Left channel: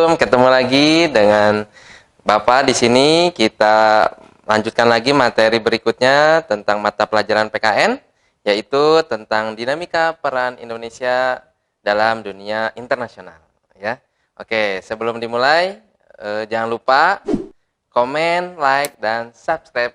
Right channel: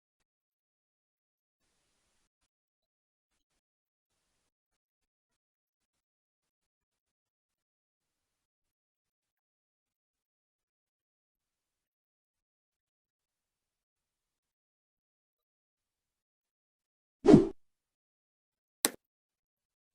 Assalamualaikum. Ketemu lagi dengan Bapak di sini. Kita lanjutkan lagi materi berikutnya tentang mata pelajaran PKN, yaitu tentang dinamika peran Indonesia dalam dunia internasional. Ya, oke. Sebelum dimulai, jangan lupa komen, like, dan subscribe.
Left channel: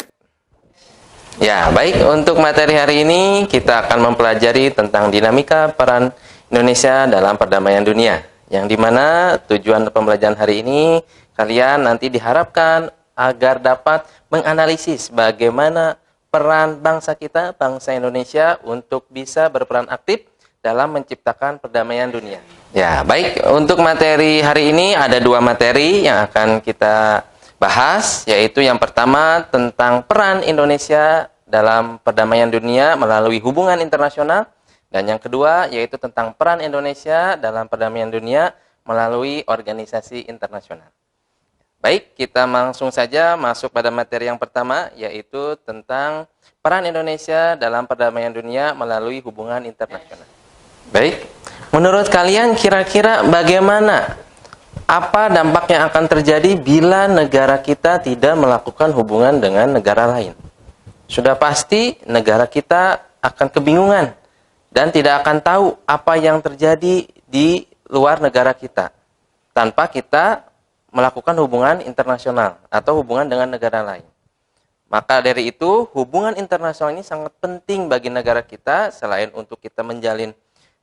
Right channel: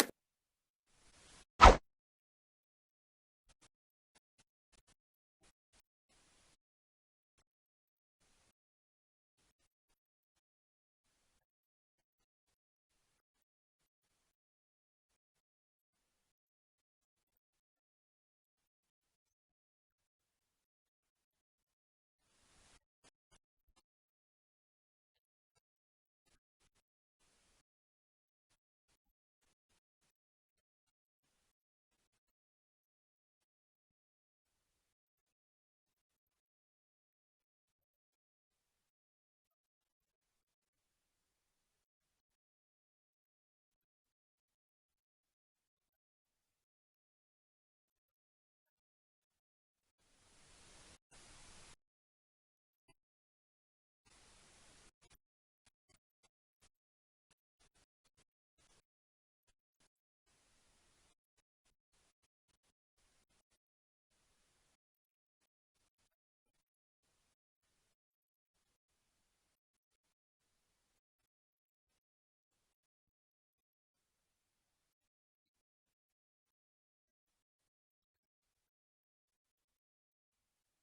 Ya, baik. Untuk materi hari ini kita akan mempelajari tentang dinamika peran Indonesia dalam perdamaian dunia. Yang dimana tujuan pembelajaran hari ini kalian nanti diharapkan agar dapat menganalisis bagaimana peran bangsa kita, bangsa Indonesia untuk bisa berperan aktif dalam menciptakan perdamaian dunia. Ya, baik. Untuk materi hari ini ada dua materi yang akan kita bahas, yaitu yang pertama tentang peran Indonesia dalam perdamaian dunia melalui hubungan internasional. Dan yang kedua yaitu tentang peran Indonesia dalam perdamaian dunia melalui organisasi internasional. Baik, kita langsung saja masuk pada materi yang pertama, yaitu tentang peran Indonesia dalam perdamaian dunia melalui hubungan internasional. Baik, menurut kalian kira-kira bagaimana, apa dampak yang akan terjadi bila negara kita tidak melakukan hubungan dengan negara lain? Sudah pasti negara kita akan kebingungan dan tidak akan tahu apa yang terjadi di luar negara kita tanpa kita melakukan hubungan internasional atau hubungan dengan negara lain. Maka dari itu, hubungan internasional ini sangat penting bagi negara kita, selain untuk kita menjalin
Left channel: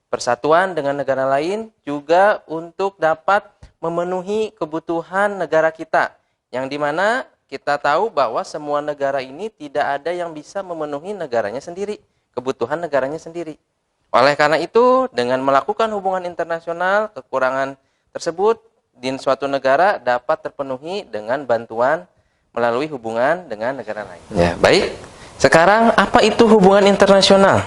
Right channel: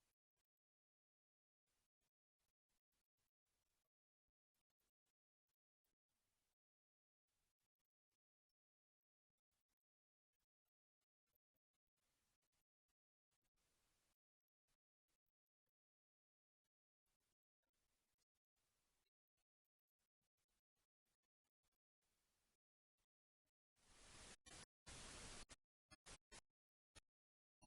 persatuan dengan negara lain, juga untuk dapat memenuhi kebutuhan negara kita, yang dimana kita tahu bahwa semua negara ini tidak ada yang bisa memenuhi negaranya sendiri, kebutuhan negaranya sendiri. Oleh karena itu, dengan melakukan hubungan internasional, kekurangan tersebut di suatu negara dapat terpenuhi dengan bantuan melalui hubungan dengan negara lain. Ya, baik. Sekarang, apa itu hubungan internasional?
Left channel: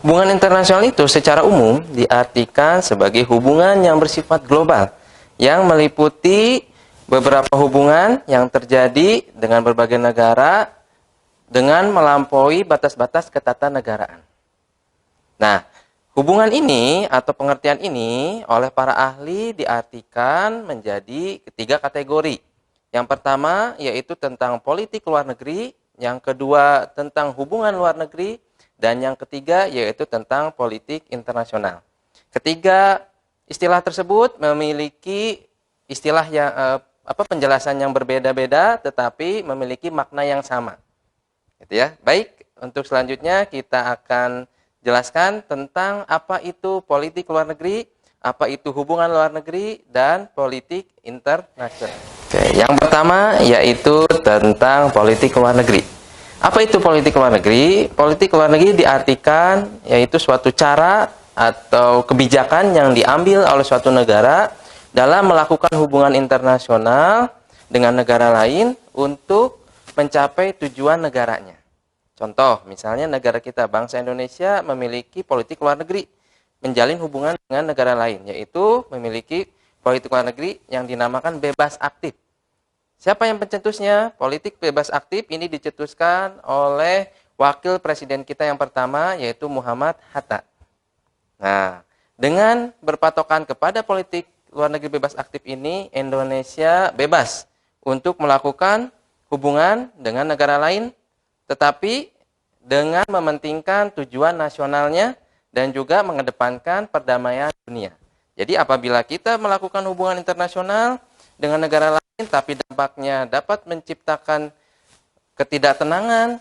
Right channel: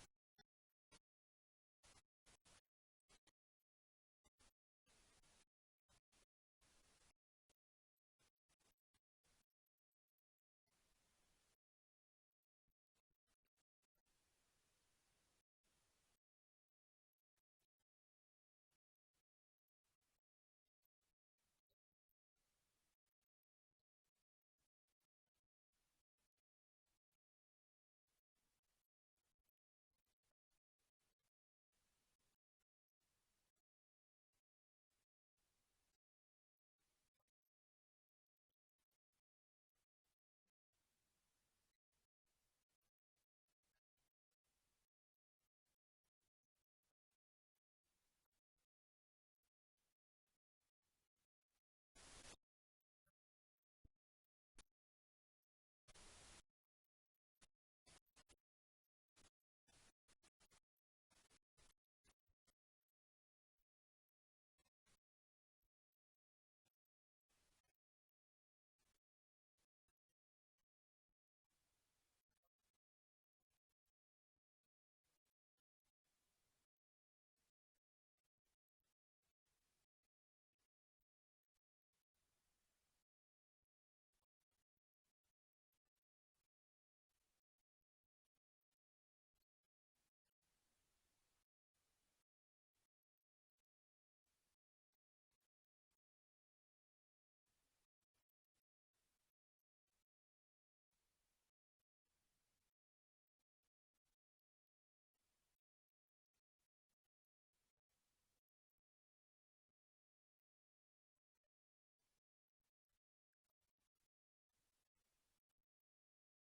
Hubungan internasional itu secara umum diartikan sebagai hubungan yang bersifat global, yang meliputi beberapa hubungan yang terjadi dengan berbagai negara dengan melampaui batas-batas ketatanegaraan. Nah, hubungan ini atau pengertian ini oleh para ahli diartikan menjadi ketiga kategori. Yang pertama yaitu tentang politik luar negeri, yang kedua tentang hubungan luar negeri, dan yang ketiga yaitu tentang politik internasional. Ketiga istilah tersebut memiliki istilah yang penjelasan yang berbeda-beda tetapi memiliki makna yang sama. Gitu ya. Baik, untuk selanjutnya kita akan jelaskan tentang apa itu politik luar negeri, apa itu hubungan luar negeri, dan politik internasional. Oke, yang pertama yaitu tentang politik luar negeri. Apa itu politik luar negeri? Politik luar negeri diartikan yaitu suatu cara atau kebijakan yang diambil oleh suatu negara dalam melakukan hubungan internasional dengan negara lain untuk mencapai tujuan negaranya. Contoh, misalnya negara kita, bangsa Indonesia memiliki politik luar negeri, menjalin hubungan dengan negara lain, yaitu memiliki politik luar negeri yang dinamakan bebas aktif. Siapa yang pencetusnya? Politik bebas aktif ini dicetuskan oleh wakil presiden kita yang pertama, yaitu Muhammad Hatta. Nah, dengan berpatokan kepada politik luar negeri bebas aktif ini, Indonesia bebas untuk melakukan hubungan dengan negara lain, tetapi dengan mementingkan tujuan nasionalnya dan juga mengedepankan perdamaian dunia. Jadi apabila kita melakukan hubungan internasional dengan negara lain, tapi dampaknya dapat menciptakan ketidaktenangan,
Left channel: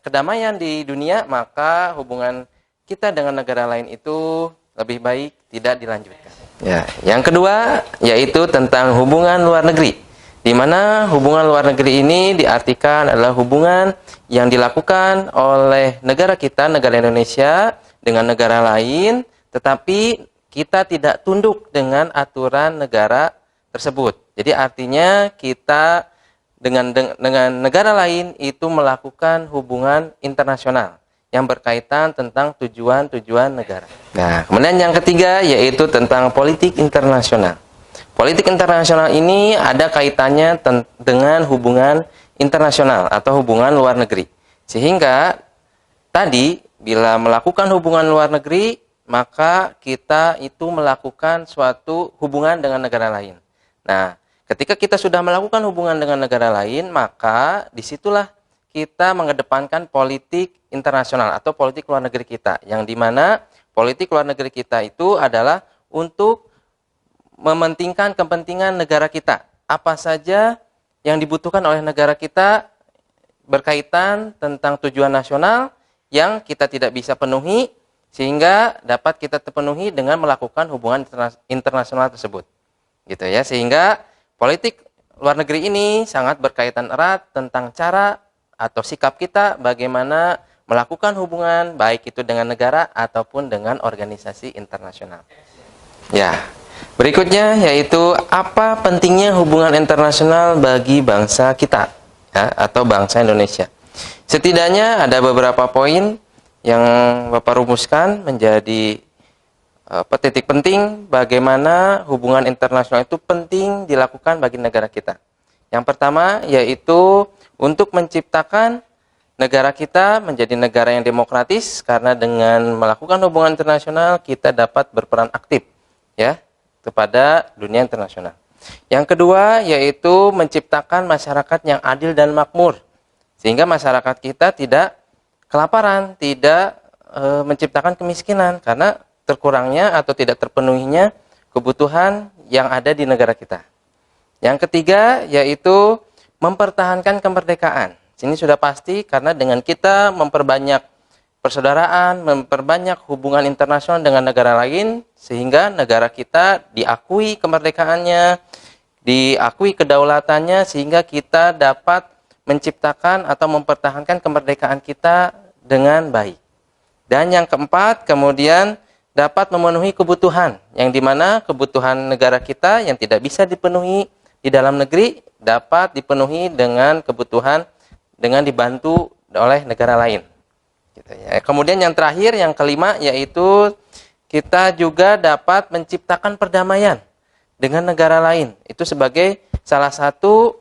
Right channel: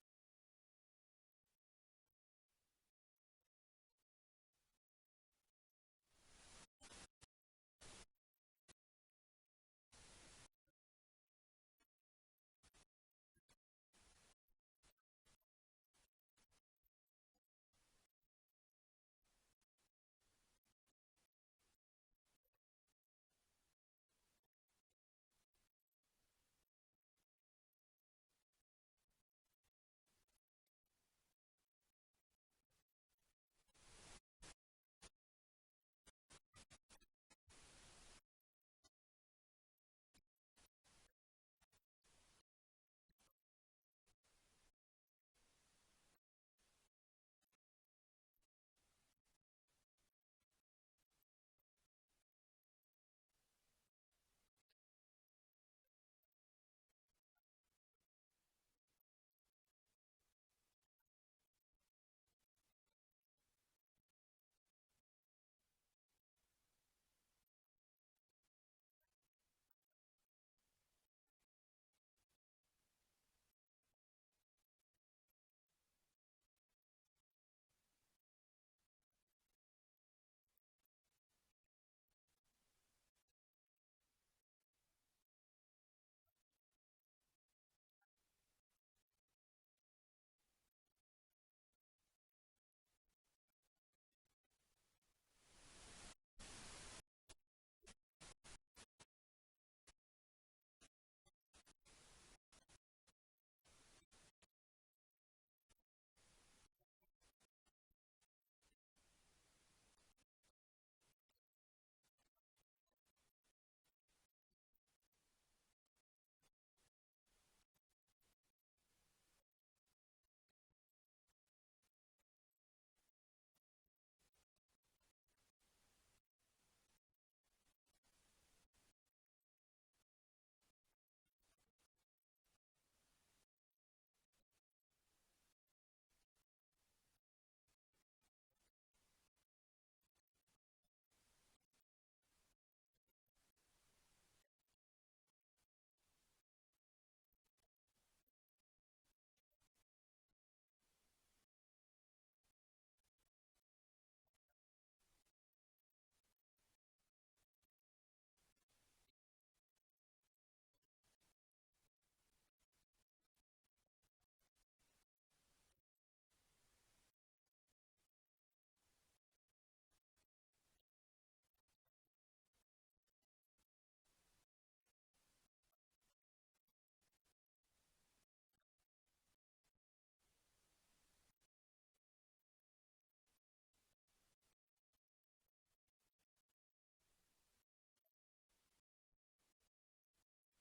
kedamaian di dunia, maka hubungan kita dengan negara lain itu lebih baik tidak dilanjutkan. Ya, yang kedua yaitu tentang hubungan luar negeri, di mana hubungan luar negeri ini diartikan adalah hubungan yang dilakukan oleh negara kita, negara Indonesia, dengan negara lain, tetapi kita tidak tunduk dengan aturan negara tersebut. Jadi artinya kita dengan negara lain itu melakukan hubungan internasional yang berkaitan tentang tujuan-tujuan negara. Nah, kemudian yang ketiga yaitu tentang politik internasional. Politik internasional ini ada kaitannya dengan hubungan internasional atau hubungan luar negeri. Sehingga tadi bila melakukan hubungan luar negeri, maka kita itu melakukan suatu hubungan dengan negara lain. Nah, ketika kita sudah melakukan hubungan dengan negara lain, maka disitulah kita mengedepankan politik internasional atau politik luar negeri kita, yang dimana politik luar negeri kita itu adalah untuk mementingkan kepentingan negara kita. Apa saja yang dibutuhkan oleh negara kita berkaitan tentang tujuan nasional yang kita tidak bisa penuhi, sehingga dapat kita terpenuhi dengan melakukan hubungan internasional tersebut. Gitu ya, sehingga politik luar negeri ini sangat berkaitan erat tentang cara atau sikap kita bagaimana melakukan hubungan baik itu dengan negara ataupun dengan organisasi internasional. Ya, berikutnya yaitu apa pentingnya hubungan internasional bagi bangsa kita, ya, atau bangsa Indonesia. Setidaknya ada beberapa poin yang Bapak rumuskan menjadi titik penting bagaimana hubungan internasional itu penting dilakukan bagi negara kita. Yang pertama yaitu untuk menciptakan negara kita menjadi negara yang demokratis, karena dengan melakukan hubungan internasional kita dapat berperan aktif ya kepada dunia internasional. Yang kedua yaitu menciptakan masyarakat yang adil dan makmur, sehingga masyarakat kita tidak kelaparan, tidak menciptakan kemiskinan karena terkurangnya atau tidak terpenuhinya kebutuhan yang ada di negara kita. Yang ketiga yaitu mempertahankan kemerdekaan. Ini sudah pasti karena dengan kita memperbanyak persaudaraan, memperbanyak hubungan internasional dengan negara lain, sehingga negara kita diakui kemerdekaannya, diakui kedaulatannya, sehingga kita dapat menciptakan atau mempertahankan kemerdekaan kita dengan baik. Dan yang keempat, kemudian dapat memenuhi kebutuhan, yang dimana kebutuhan negara kita yang tidak bisa dipenuhi di dalam negeri dapat dipenuhi dengan kebutuhan dengan dibantu oleh negara lain. Gitu ya. Kemudian yang terakhir, yang kelima, yaitu kita juga dapat menciptakan perdamaian dengan negara lain. Itu sebagai salah satu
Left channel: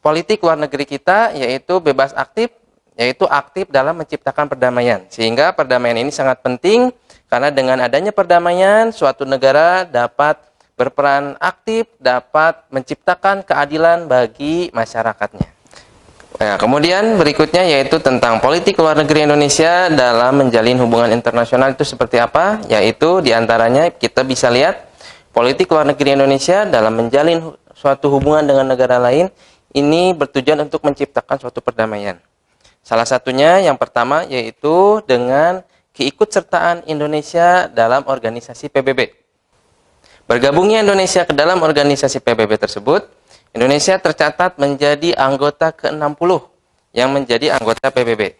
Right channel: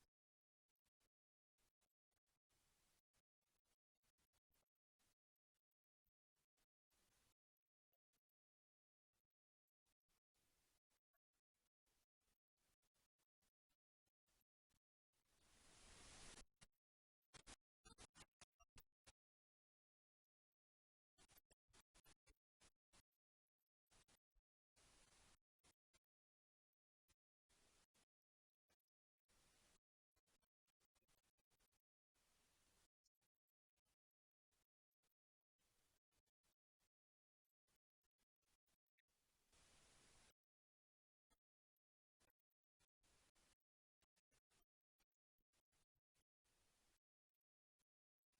politik luar negeri kita, yaitu bebas aktif, yaitu aktif dalam menciptakan perdamaian. Sehingga perdamaian ini sangat penting, karena dengan adanya perdamaian, suatu negara dapat berperan aktif, dapat menciptakan keadilan bagi masyarakatnya. Nah, kemudian berikutnya yaitu tentang politik luar negeri Indonesia dalam menjalin hubungan internasional itu seperti apa? Yaitu diantaranya kita bisa lihat politik luar negeri Indonesia dalam menjalin suatu hubungan dengan negara lain ini bertujuan untuk menciptakan suatu perdamaian. Salah satunya yang pertama yaitu dengan keikutsertaan Indonesia dalam organisasi PBB. Bergabungnya Indonesia ke dalam organisasi PBB tersebut, Indonesia tercatat menjadi anggota ke-60 yang menjadi anggota PBB.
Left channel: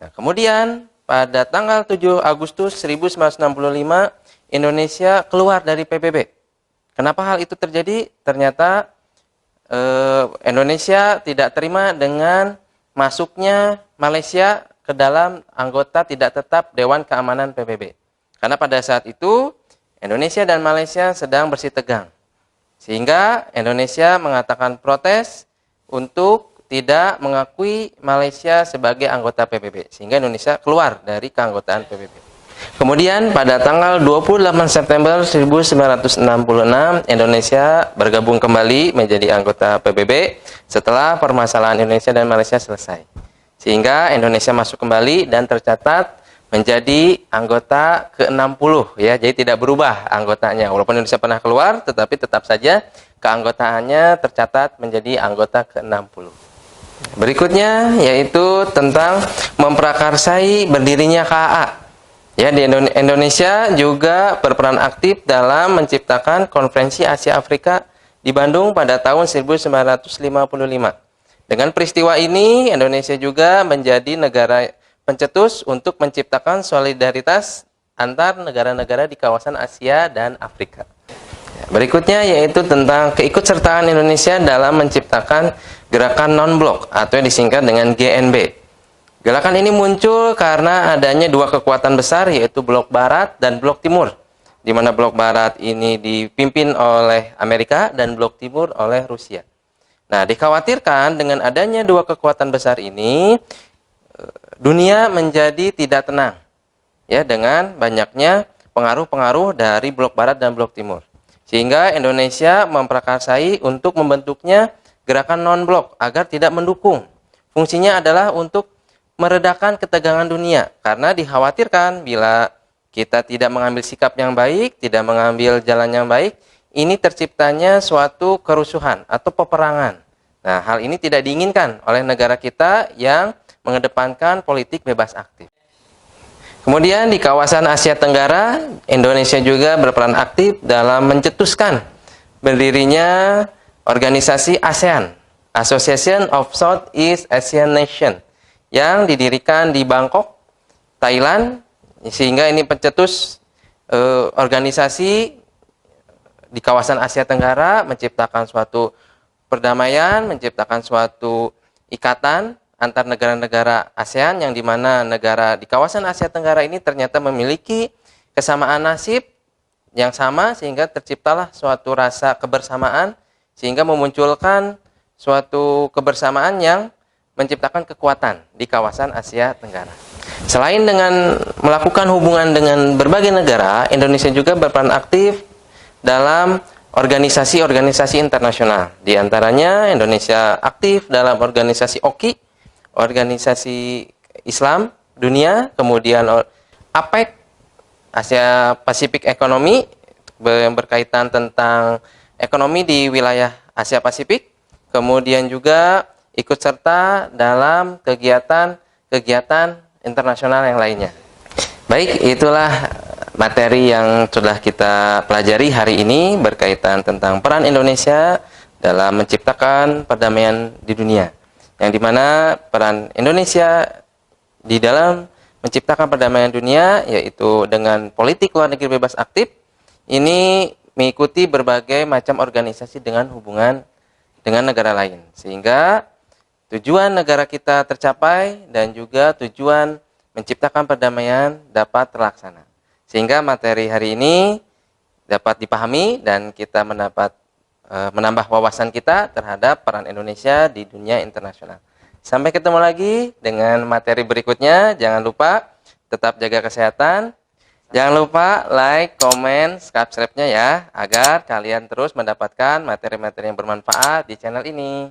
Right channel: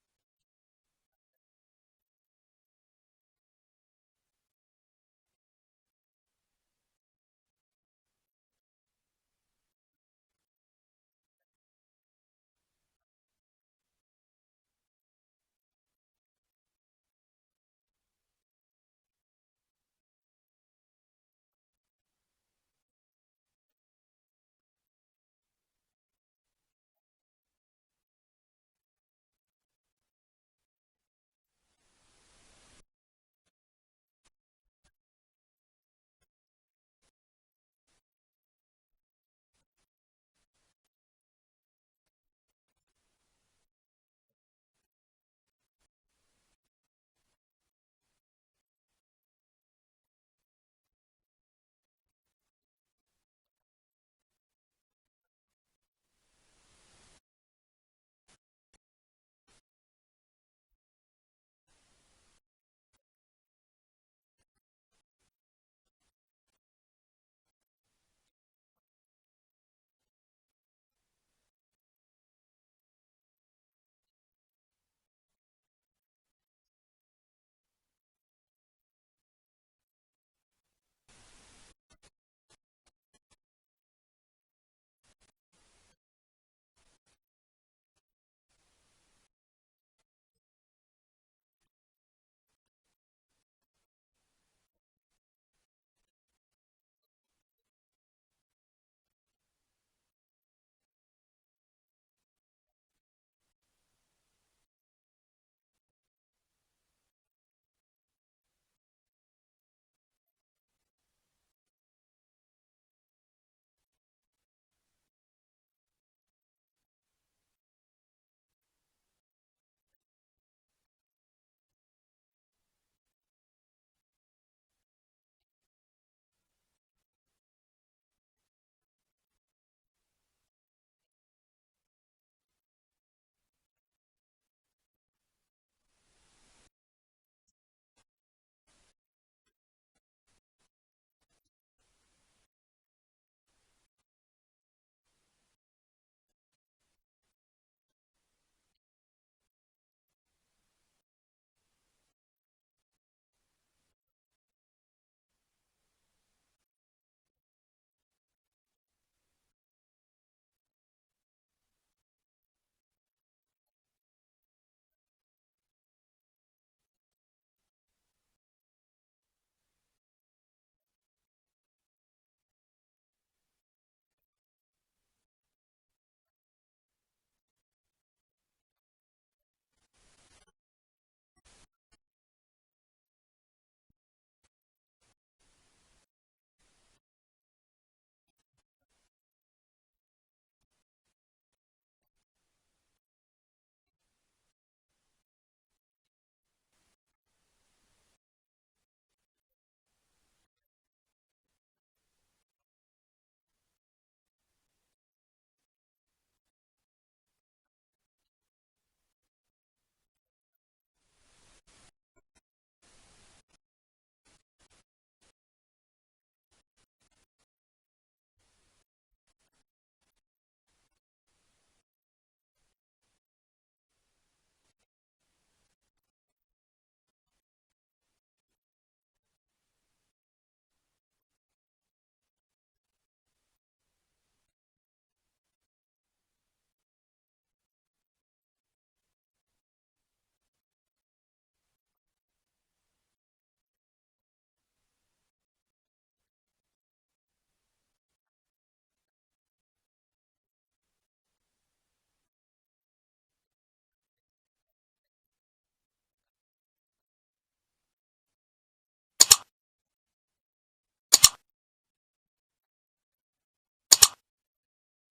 Nah, kemudian pada tanggal 7 Agustus 1965 Indonesia keluar dari PBB. Kenapa hal itu terjadi? Ternyata Indonesia tidak terima dengan masuknya Malaysia ke dalam anggota tidak tetap Dewan Keamanan PBB. Karena pada saat itu Indonesia dan Malaysia sedang bersitegang. Sehingga Indonesia mengatakan protes untuk tidak mengakui Malaysia sebagai anggota PBB. Sehingga Indonesia keluar dari keanggotaan PBB. Kemudian pada tanggal 28 September 1966 Indonesia bergabung kembali menjadi anggota PBB setelah permasalahan Indonesia dan Malaysia selesai. Sehingga Indonesia masuk kembali dan tercatat menjadi anggota ke-60 ya. Jadi tidak berubah anggotanya. Walaupun Indonesia pernah keluar tetapi tetap saja keanggotaannya tercatat menjadi anggota ke-60. Berikutnya yaitu tentang memprakarsai berdirinya KAA. Ya, di Indonesia juga berperan aktif dalam menciptakan Konferensi Asia Afrika di Bandung pada tahun 1955. Dengan peristiwa ini, Indonesia juga menjadi negara pencetus untuk menciptakan solidaritas antar negara-negara di kawasan Asia dan Afrika. Berikutnya yaitu tentang keikutsertaan Indonesia dalam menciptakan gerakan non-blok atau yang disingkat dengan GNB. Gerakan ini muncul karena adanya dua kekuatan besar yaitu blok barat dan blok timur, di mana blok barat ini dipimpin oleh Amerika dan blok timur oleh Rusia. Nah, dikhawatirkan dengan adanya dua kekuatan besar ini dunia menjadi tidak tenang ya dengan banyaknya pengaruh-pengaruh dari blok barat dan blok timur. Sehingga Indonesia memprakarsai untuk membentuknya gerakan non-blok agar tidak mendukung. Fungsinya adalah untuk meredakan ketegangan dunia, karena dikhawatirkan bila kita tidak mengambil sikap yang baik, tidak mengambil jalan yang baik, ini terciptanya suatu kerusuhan atau peperangan. Nah, hal ini tidak diinginkan oleh negara kita yang mengedepankan politik bebas aktif. Kemudian di kawasan Asia Tenggara, Indonesia juga berperan aktif dalam mencetuskan berdirinya organisasi ASEAN, Association of Southeast Asian Nations, yang didirikan di Bangkok, Thailand, sehingga ini pencetus organisasi di kawasan Asia Tenggara, menciptakan suatu perdamaian, menciptakan suatu ikatan antar negara-negara ASEAN, yang dimana negara di kawasan Asia Tenggara ini ternyata memiliki kesamaan nasib yang sama, sehingga terciptalah suatu rasa kebersamaan, sehingga memunculkan suatu kebersamaan yang menciptakan kekuatan di kawasan Asia Tenggara. Selain dengan melakukan hubungan dengan berbagai negara, Indonesia juga berperan aktif dalam organisasi-organisasi internasional. Di antaranya Indonesia aktif dalam organisasi OKI, Organisasi Islam Dunia, kemudian APEC, Asia Pasifik Ekonomi, yang berkaitan tentang ekonomi di wilayah Asia Pasifik, kemudian juga ikut serta dalam kegiatan-kegiatan internasional yang lainnya. Baik, itulah materi yang sudah kita pelajari hari ini berkaitan tentang peran Indonesia dalam menciptakan perdamaian di dunia. Yang dimana peran Indonesia di dalam menciptakan perdamaian dunia, yaitu dengan politik luar negeri bebas aktif, ini mengikuti berbagai macam organisasi dengan hubungan dengan negara lain. Sehingga tujuan negara kita tercapai dan juga tujuan menciptakan perdamaian dapat terlaksana. Sehingga materi hari ini dapat dipahami dan kita menambah wawasan kita terhadap peran Indonesia di dunia internasional. Sampai ketemu lagi dengan materi berikutnya. Jangan lupa tetap jaga kesehatan. Jangan lupa like, komen, subscribe-nya ya, agar kalian terus mendapatkan materi-materi yang bermanfaat di channel ini.